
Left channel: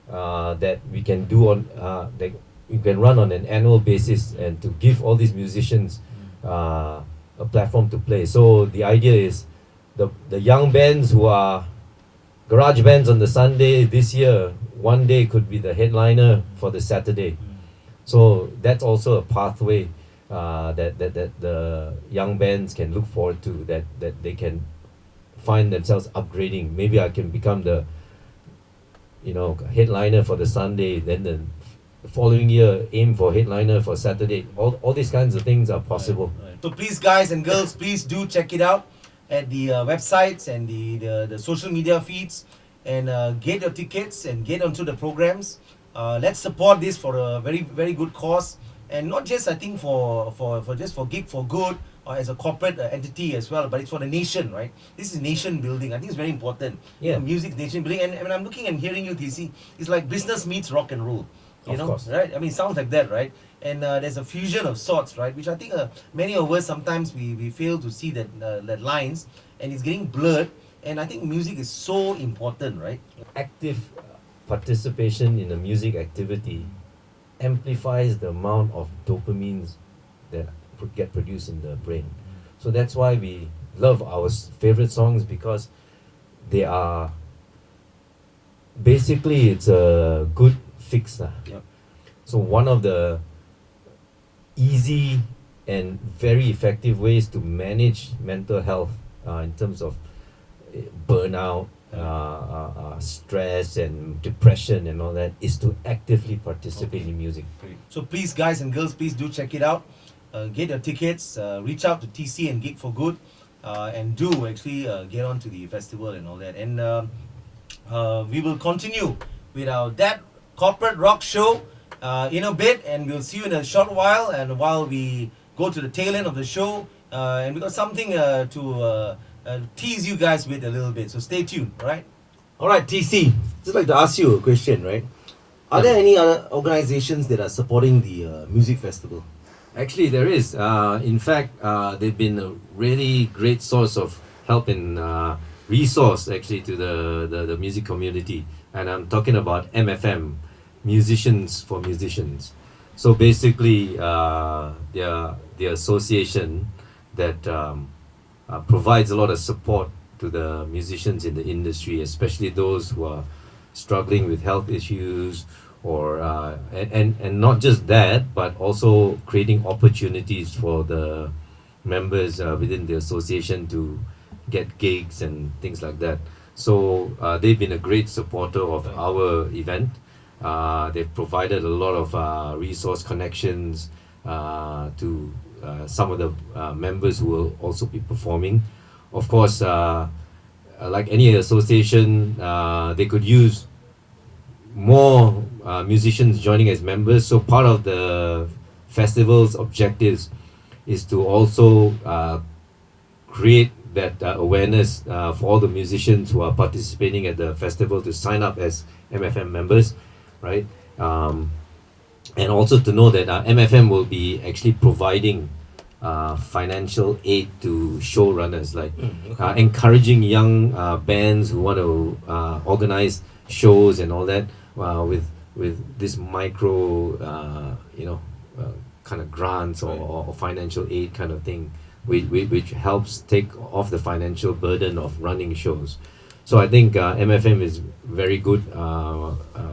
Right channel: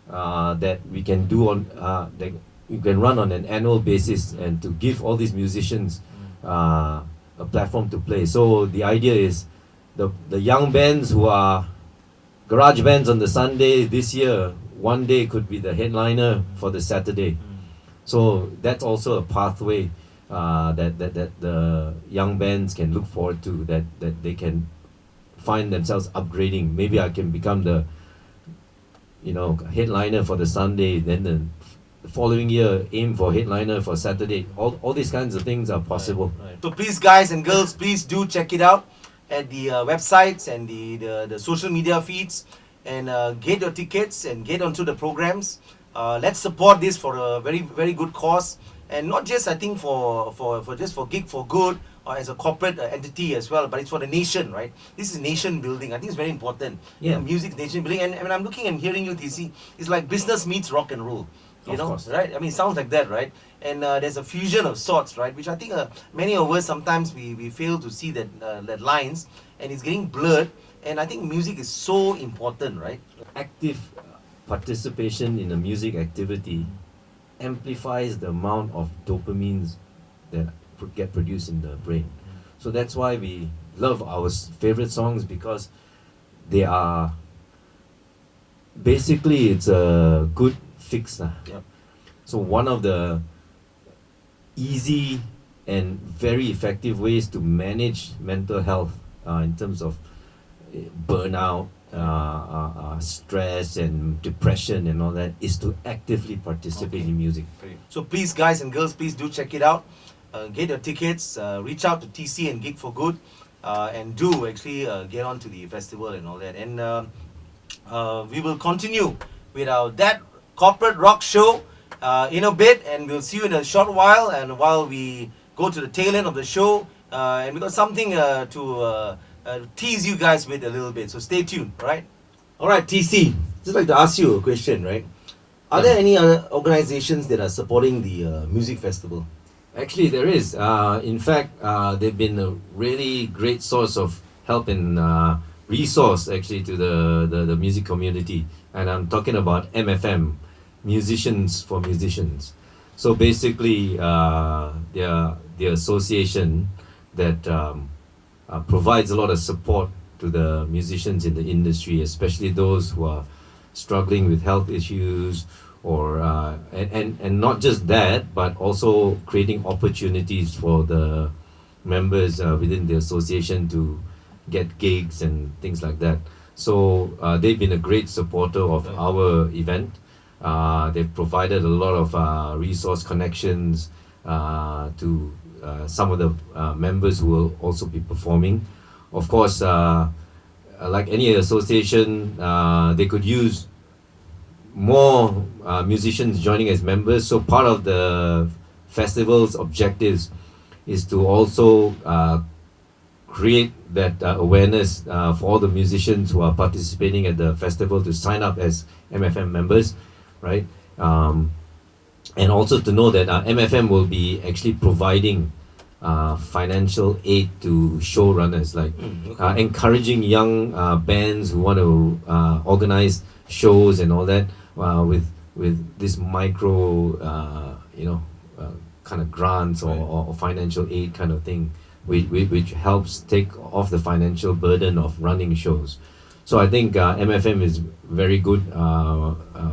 that we can do on that you can run on an annual basis, and to give all these musicians a platform to play. So the idea is the young bands who are garage bands on the Sunday this year, one day could be the headliner for the Saturday. So that's also a pathway that the young bands can look forward to, that they can find themselves upgrading. Maybe I can become the headliner for the Sunday, then the following year aim for headliner for Saturday. All these kinds of things are possible. Right. So please, guys and girls, please do check it out at the websites and the social media feeds, and get your tickets and get onto the programs. Let's support this for a very, very good cause, and not just, I think, for Gig for Good or as a corporate entity as well, but it's for the nation, right? This is nation building. I think it's very important. Yeah. Music nation building. And when I'm looking and hearing you, TC, it's like business meets rock and roll. You know, course. right? I mean, it sounds like that, right? And there's a fusion of sorts, right? Which I think many of us sometimes we fail to see that lines, and it's getting blurred. And I think music is so important, right? Active participation in a music activity amplifies the amount of dopamines that get produced in the brain. So that's why we love our favorite songs, because they are basically, it's a good fix. Yep. So one of the easy and very effective ways to manage mental health in terms of burnout, stress and depression and all that is to actively participate in music. So please, guys and girls, please do check it out. Get your tickets, reach out to TC and Gig for Good, and do actually get on to the festival and all that. And we will continue with that corporate rock show in a bit, and we'll see you in a short while. And while we go to the tail end of the show, and we got something to tease you guys with a little bit. So stay tuned, right? All right, TC, just like to ask you a question, right? Are there any other organizations that are supporting the music festival? Actually, there is. In fact, they've been a really great source of help and resource actually to the music community. And I'm talking about MFM, Musicians for Musicians. So basically, they're the association that provides a lot of support to the musicians in the industry, especially those who are struggling with health issues, or and not just that, but also creating opportunities for the members within the association to get gigs and things like that. So they've been a great supporter of our event. They've provided a lot of resource connections to some of the members who will also be performing. Of course, like any association, they could use more musicians joining as members. So part of the festival's objectives is to also create that awareness for all the musicians who are participating at the festival to sign up as MFM members, right? And also to know that MFM will be actually providing financial aid to showrunners, like encouraging young bands who want to organize shows and all that with this micro, kind of grants or financial aid kind of thing, which helps take off the financial burden of running shows. So I think MFM is very good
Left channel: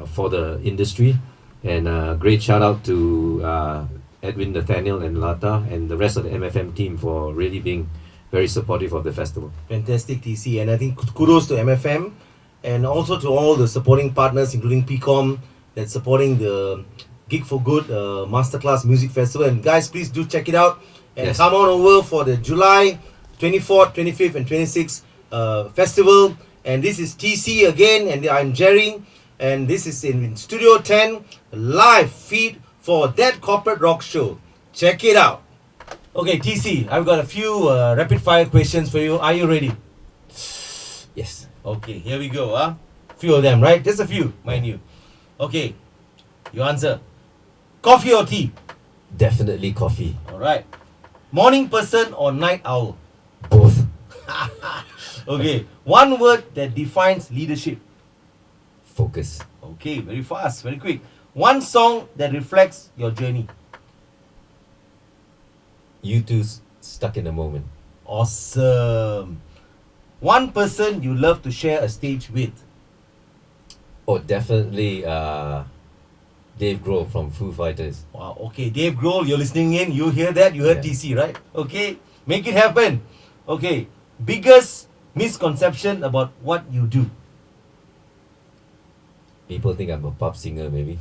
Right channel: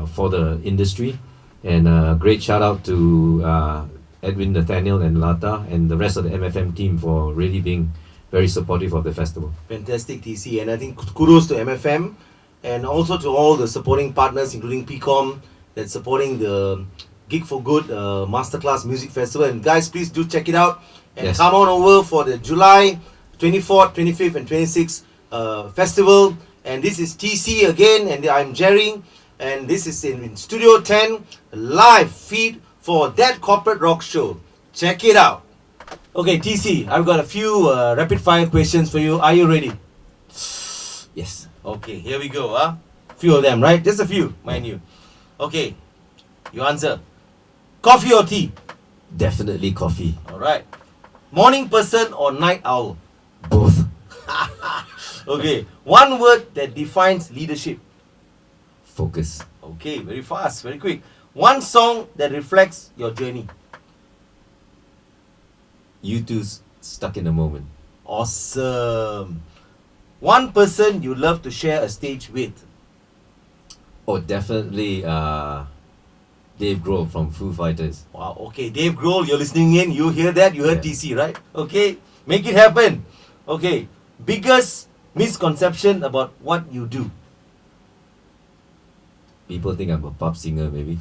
for the industry, and great shout out to Edwin, Nathaniel, and Lata, and the rest of the MFM team for really being very supportive of the festival. Fantastic, TC. And I think kudos to MFM and also to all the supporting partners, including PIKOM, that's supporting the Gig for Good Masterclass Music Festival. And guys, please do check it out. And come on over for the July 24th, 25th, and 26th festival. And this is TC again, and I'm Gerry. And this is in Studio 10, live feed for That Corporate Rock Show. Check it out. Okay, TC, I've got a few rapid fire questions for you. Are you ready? Yes. Okay, here we go. Few of them, right? Just a few, mind you. Okay, you answer. Coffee or tea? Definitely coffee. Alright. Morning person or night owl? Both. Okay, one word that defines leadership. Focus. Okay, very fast, very quick. One song that reflects your journey. You two stuck in a moment. Awesome. One person you love to share a stage with. Oh, definitely Dave Grohl from Foo Fighters. Wow, okay, Dave Grohl, you're listening in. You hear that? You heard Yeah. TC, right? Okay, make it happen. Okay, biggest misconception about what you do. People think I'm a pop singer, maybe.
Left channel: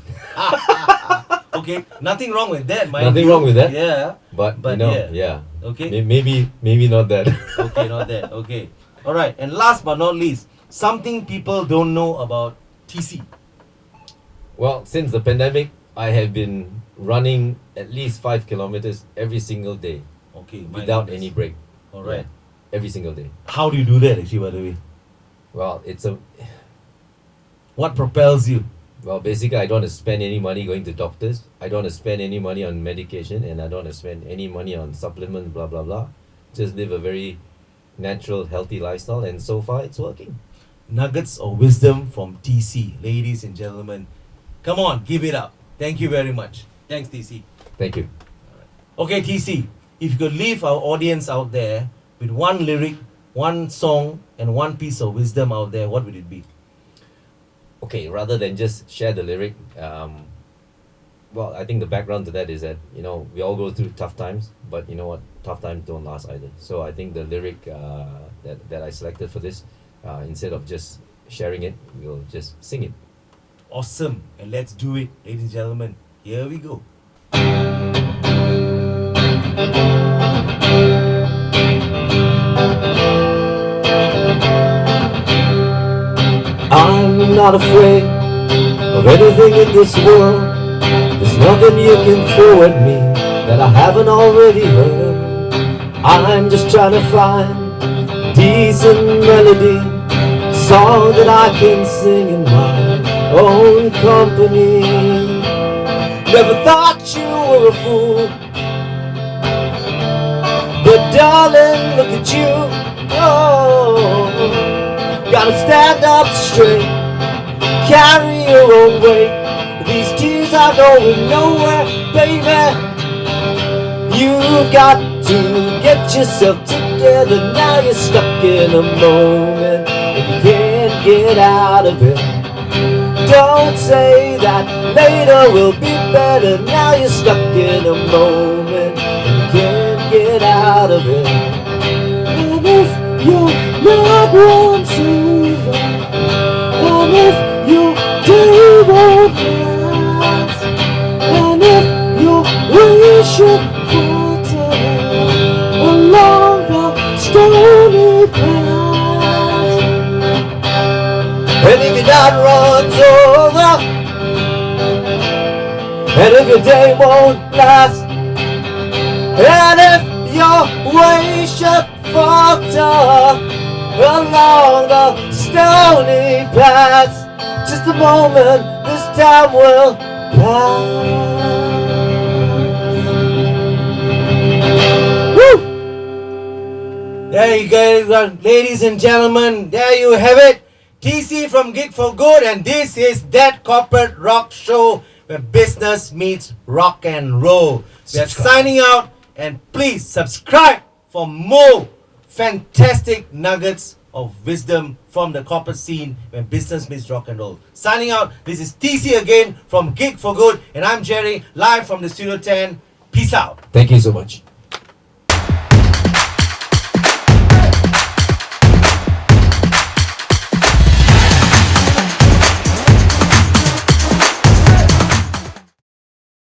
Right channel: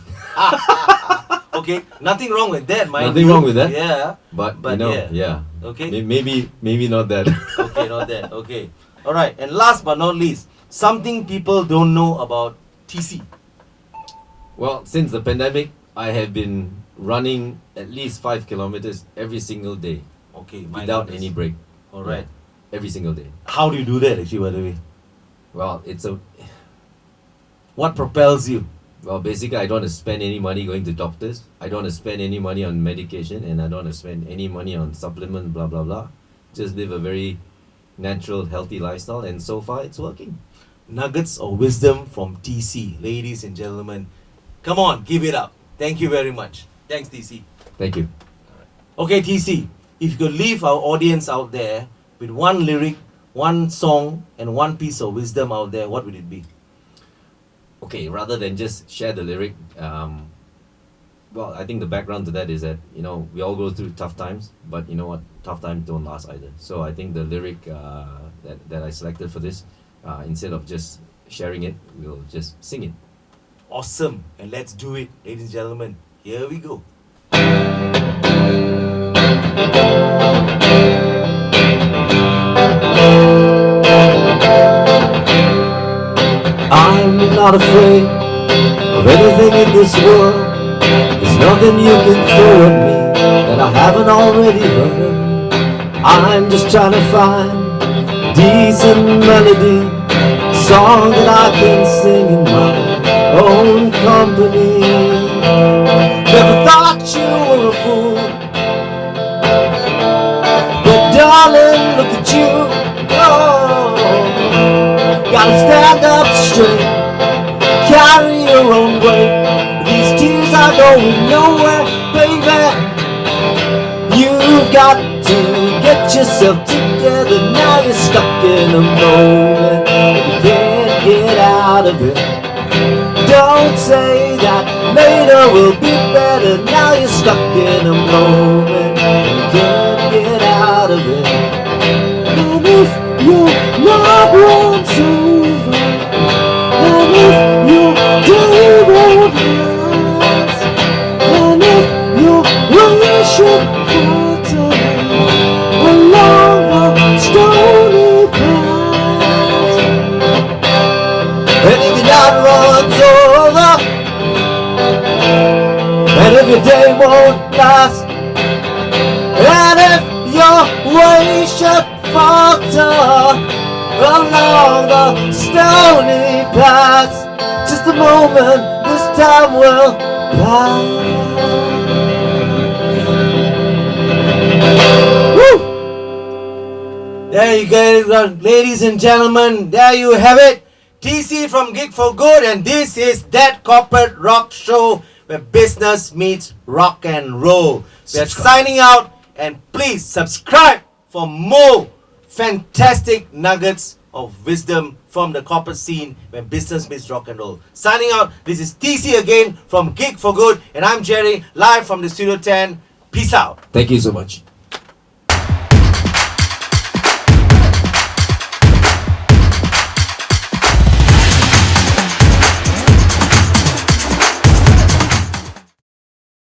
Okay, nothing wrong with that, mind Nothing you. wrong with that. Yeah. But But you know, yeah. yeah. Okay. Maybe not that. Okay, not that. Okay. Alright, and last but not least, something people don't know about TC. Well, since the pandemic, I have been running at least 5 kilometers every single day Okay, my without goodness. any break. Alright. Yeah, every single day. How do you do that actually, by the way? Well, What propels you? basically I don't want to spend any money going to doctors. I don't want to spend any money on medication, and I don't want to spend any money on supplements, blah blah blah. Just live a very natural, healthy lifestyle, and so far it's working. Nuggets of wisdom from TC, ladies and gentlemen. Come on, give it up. Thank you very much. Thanks, TC. Thank you. Okay, TC, if you could leave our audience out there with one lyric, one song, and one piece of wisdom out there, what would it be? Okay, rather than just share the lyric, I think the background to that is that, we all go through tough times, but you know what? Tough times don't last either. So I think the lyric that I selected for this, instead of just sharing it, we'll just sing it. Awesome. And let's do it, ladies and gentlemen. Here we go. I'm not afraid of anything in this world. There's nothing you can throw at me that I haven't already heard. I'm just trying to find decent melody, song that I can sing in my own company. Never thought you were a fool, but darling, look at you. Oh, gotta stand up straight, carry your own weight. These tears are going nowhere, baby. You've got to get yourself together. Now you're stuck in a moment and you can't get out of it. Don't say that later will be better. Now you're stuck in a moment and you can't get out of it. And if your love runs over, and if your day won't last, and if your worship falter along the stony path, and if your night runs over, and if your day won't last, and if your worship falter along the stony path, just a moment, this time will pass. Woo! There you go, ladies and gentlemen. There you have it. TC from Gig for Good, and this is That Corporate Rock Show, where business meets rock and roll. We are signing out, and please subscribe for more fantastic nuggets of wisdom from the corporate scene when business meets rock and roll. Signing out, this is TC again from Gig for Good, and I'm Gerry, live from the Studio 10. Peace out. Thank you so much.